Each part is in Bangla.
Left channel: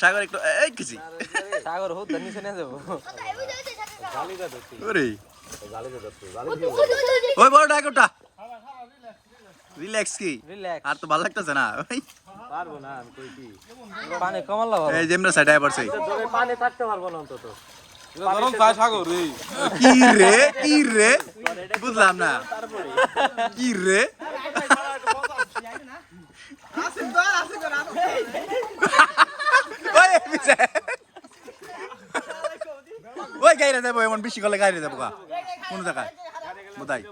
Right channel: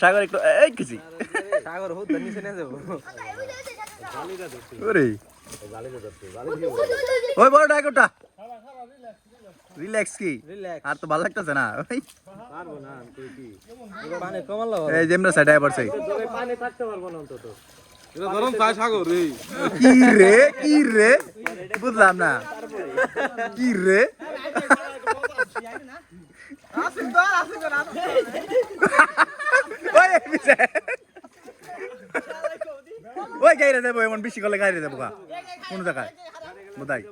সাগর একটু এই কিছু সাগর হোক নিচে না যাবো ওরে ওই বড় ডাকটা রিল্যাক্স কি আর তো ভালো লাগতেছে না পারবো না কই কি পানি কমাল এই যেমরা সাইডে পড়ছে পানি থাকতে পারবো না অন্তত গরম চা সাগর কি রে বুঝলাম না কি রে ওই গাইরে দেবো এমন বেশি করলে গাইরে দেবো কোন জায়গায় বোধাই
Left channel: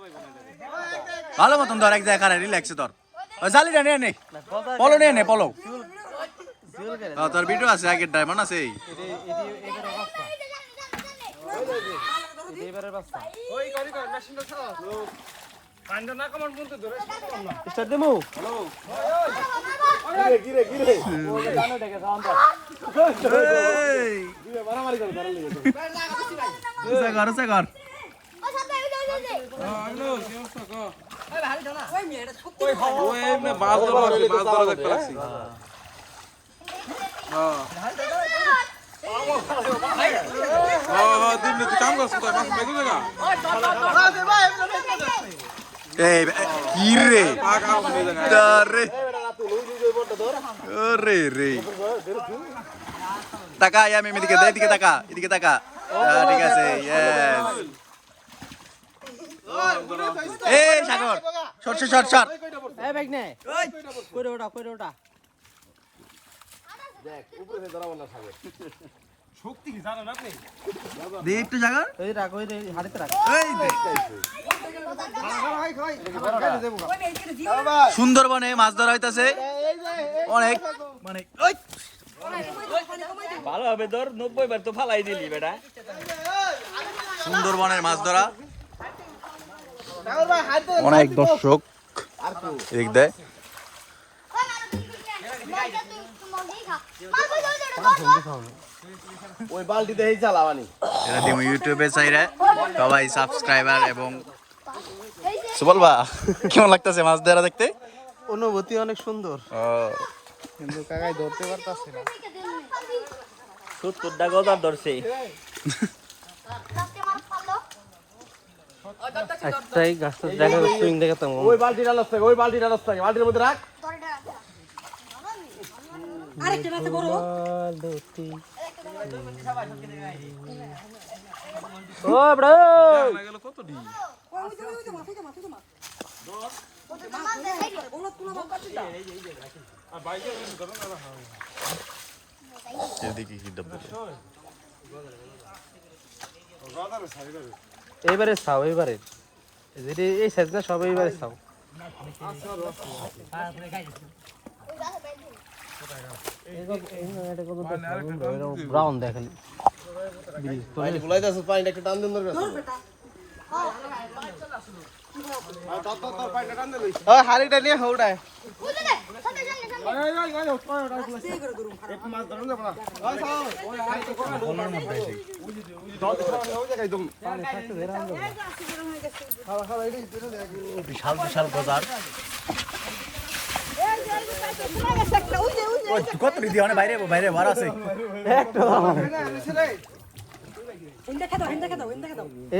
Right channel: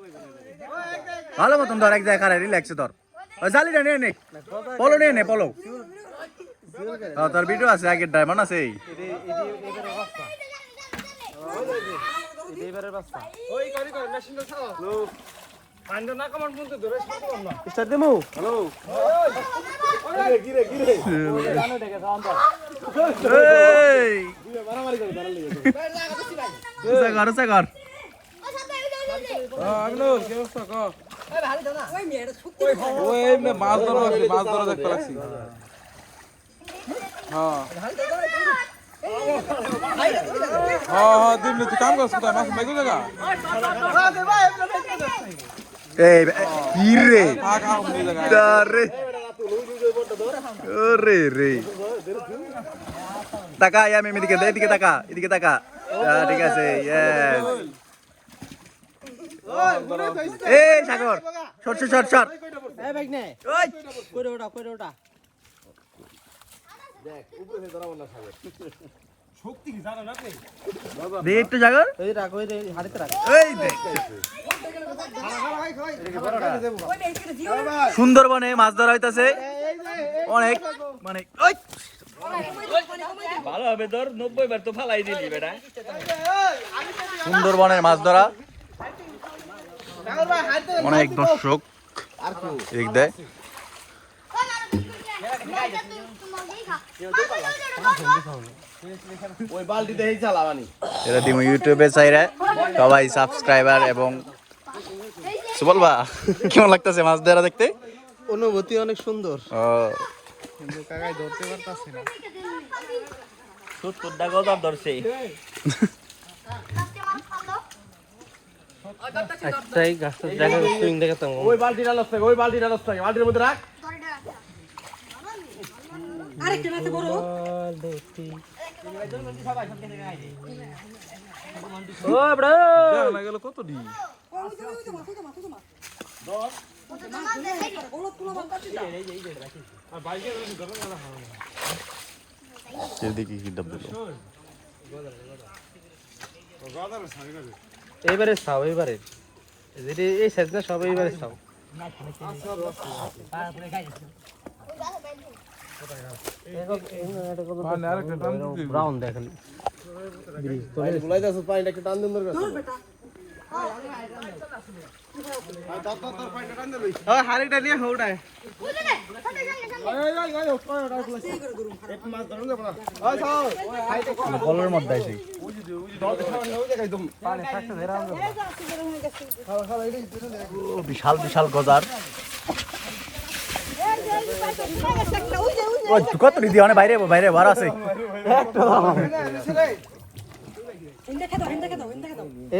ভালো মতন ধর এক জায়গায় খারাপ রিল্যাক্সে ধর ওই জালিটা নিয়ে নে পলো নিয়ে নে পলো তোর ভিডিও আছে আগের ডায়মন্ড আছে ওই করি কর মেশিনটা ছাড়ো পান্ডা না কমান পর্যন্ত ধরে শুনলাম না স্টার্ট দেবো হ্যালো ওই গিরে জানো দেখে সাউন্ড এই দিবে মারামারি করে ধরে লেগে ঘর আগলো কি অবস্থা ক ওই এমনে মাছ ধরা দেখতে লাগছি হ্যাঁ হ্যাঁ দিন তুই কাম করছ কোথায় মাছ বাইকো জায়গা এই কি রে কাম হয়ে জায়গা রে ওরে রে টাকা আমি এদিকে এদিকে টাকা ঠিক আছে ইয়েস এই সাগর শর্ট এই ব্যাগ নে কইরে ওটা দেখ উপরে ধরা বন্ধ সাগর শক্তি কি জানেন আপনি দে একটু সাগর এই রাখ ওই হাড়িতে রাখ এই দে খালা সুন্দরবনে মাছ ধরা হইতাছে অনেক মানে ওই ভালো হবে ধর 90 বার তো ফালাই দিলি বেটা সুন্দরবনের মাছ ধরা অনেক দর্শক এক দেয় ওই বালতিতে এই চালাবানি এটা তুমি ইউটিউবে চাইরে সবাই সাবস্ক্রাইবার এবং বলবা কেমন লাগতেছে মাছ ধরা দেখতে অনুভূতি অনেক সুন্দর ও কিন্তু কাকাই ধরতে পারতাছে না 70 গজার ধরছে একটাই গাছটা দেখো সুইং দেখাতাম ওই বালতিটা লস থাকে বালতির মধ্যে রাখ আরেকটা মাছ বড় ও বড় না গেল কত দি আর বাইকে ধরে না এদিকে কি ডাব দিল গাদার সারি লাগে এইবারে চাও এইবারে যদি এই সাইজটা সব এইবারে চাও ব্রাউন দেখেন গুলাইতাছ পানিটা একটু টান দেন দরকার হাড়িটা নিয়ে হৌড়ায় ফলের মধ্যে আছে বিশাল গজার কত দিদি অনেক বাইরে বার আছে ইন্দা খেদাও